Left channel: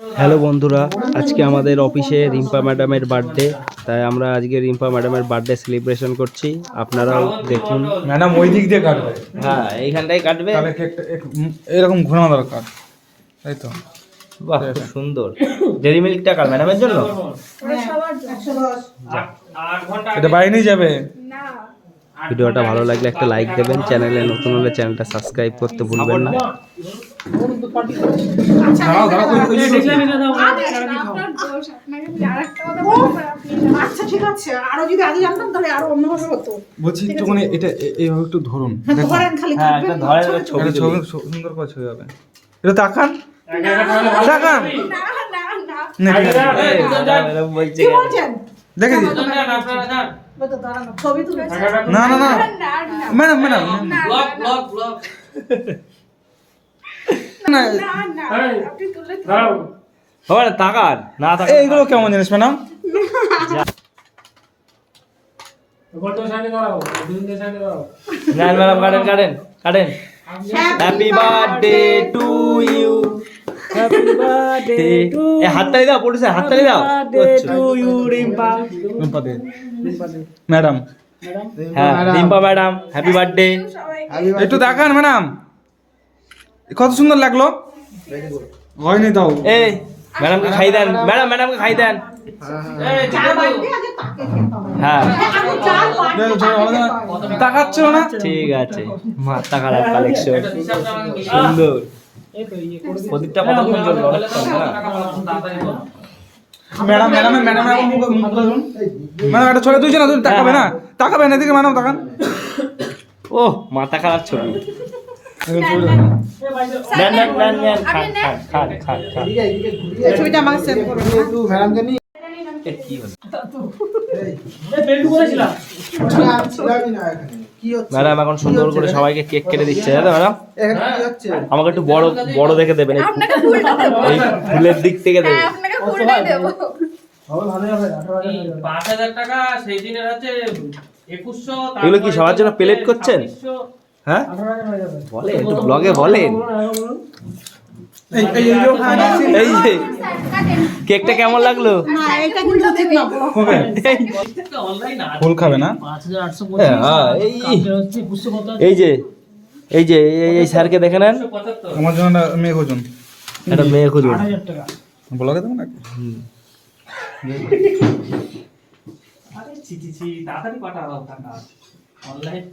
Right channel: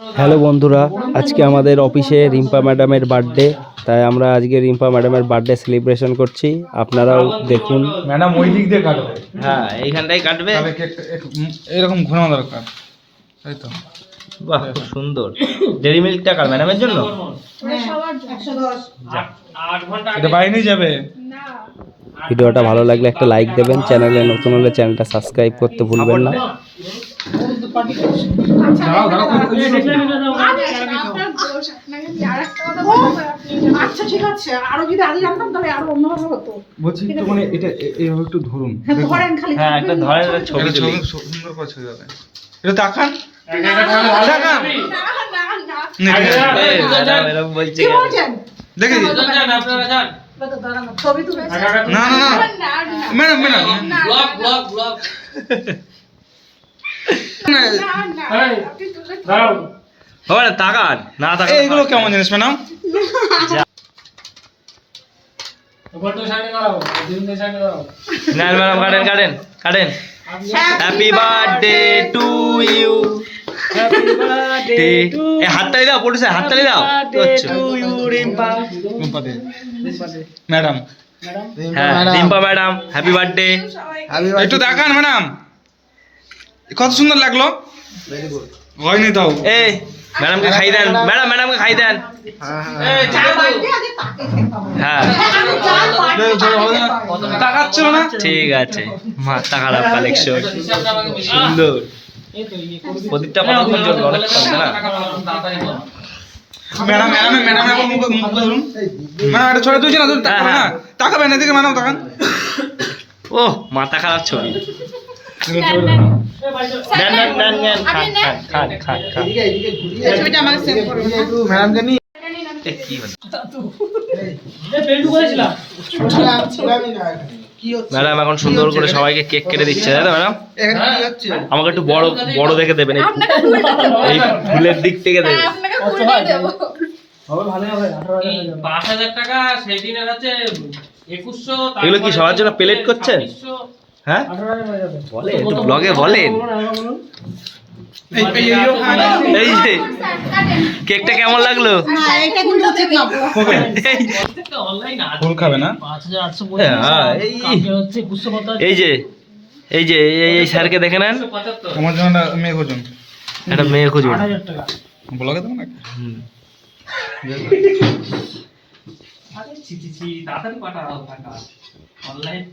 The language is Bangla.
হ্যালো বন্ধুরা, আজকে আমাদের অফিসে রিম্পা ম্যাডামের বার্থডে, তাই আমরা আজকে রিম্পা ম্যাডামের বার্থডে সেলিব্রেশন করছি। আপনারাও দেখুন। ম্যাডাম ওই দিক দিয়ে কাটবে। হ্যাঁ, এইখানটাই কাটবে। তাহলে কেকটা এরকম ঘোরানো দরকার, তাই তো? বাহ, খুব সুন্দর। ডেরি মিল্কটা কার ম্যাডামের জন্য? এটা বাইরে যাবে। ভিডিওটা ভালো লাগলে একটা লাইক দেবেন, চ্যানেলে নতুন হলে চ্যানেলটা সাবস্ক্রাইব করতে ভুলবেন না। আচ্ছা ঠিক আছে, আরো যদি আগে জানতাম তাহলে আরো অন্যভাবে হতো। বলছি তো মানে এটা এইভাবে একটু ধরুন। ধরেন খালি। হ্যাঁ, একটা ধরেন, একটা ছবি তুলি। সুন্দর করে ছবি হবে। এটা তাকান। তাকান। না এই ম্যাডাম এরকম বলছে কি কেন? বলছেন? দেখে দিন। ছবি তুলে না না না ম্যাডাম ম্যাডাম হবে না, তাকান না তাকান। এইগুলো কেমন জিনিস ম্যাডাম? না ম্যাডাম, কাটেন কাটেন কাটেন। Happy birthday to you. এই হাততালি দাও, পড়েছে হাততালি দাও। ম্যাডাম হ্যাঁ, রিম্পা ম্যাডাম হ্যাপি বার্থডে। একটু তাকান ম্যাডাম, কত সুন্দর লাগলো। হয়নি তাও। এই ম্যাডামকে খাই দেন, ম্যাডাম ম্যাডামকে খাই দেন। হ্যাঁ তাকাচ্ছ না? ঠিক আছে, মাথা খারাপ কালেকশন, সুন্দর। প্রদীপটা কতক্ষণ জ্বলবে? অনেকক্ষণ, তাই না? ম্যাডাম ম্যাডাম ম্যাডাম এখন মুখ ধরুন। ম্যাডাম এটা ছড়া তুলছে না, তুমি তাকাবে না। তাকাবেন এদিকে ম্যাডাম, তাকান। ও মাথা খারাপ ছবি। নেন নেন নেন নেন, খান খান খান খান খান। ছবিটা আমাকে সেভ করে এ, কি হলো? ম্যাডাম এখন সুন্দর করে সবাইকে কেক কেটে দিচ্ছে, তাই তো ম্যাডাম? আমাকে একটু বড় বড় দেখে দেবেন, এই ফুলের দিক থেকে দেবেন। এগুলো কি সবার জন্য প্লেট করছেন? হ্যাঁ বলে, একটু ব্লগে বলেন। এই যে কেকটা কেমন লাগলো? ফুল খাবে না? হ্যাঁ, এই যে এই যে এই স্যারকে দেখে নেন। আমার জন্য মেয়ে খুঁজুন, একটা মেয়ে খুঁজুন। ব্লগে দেবো না? অনলাইন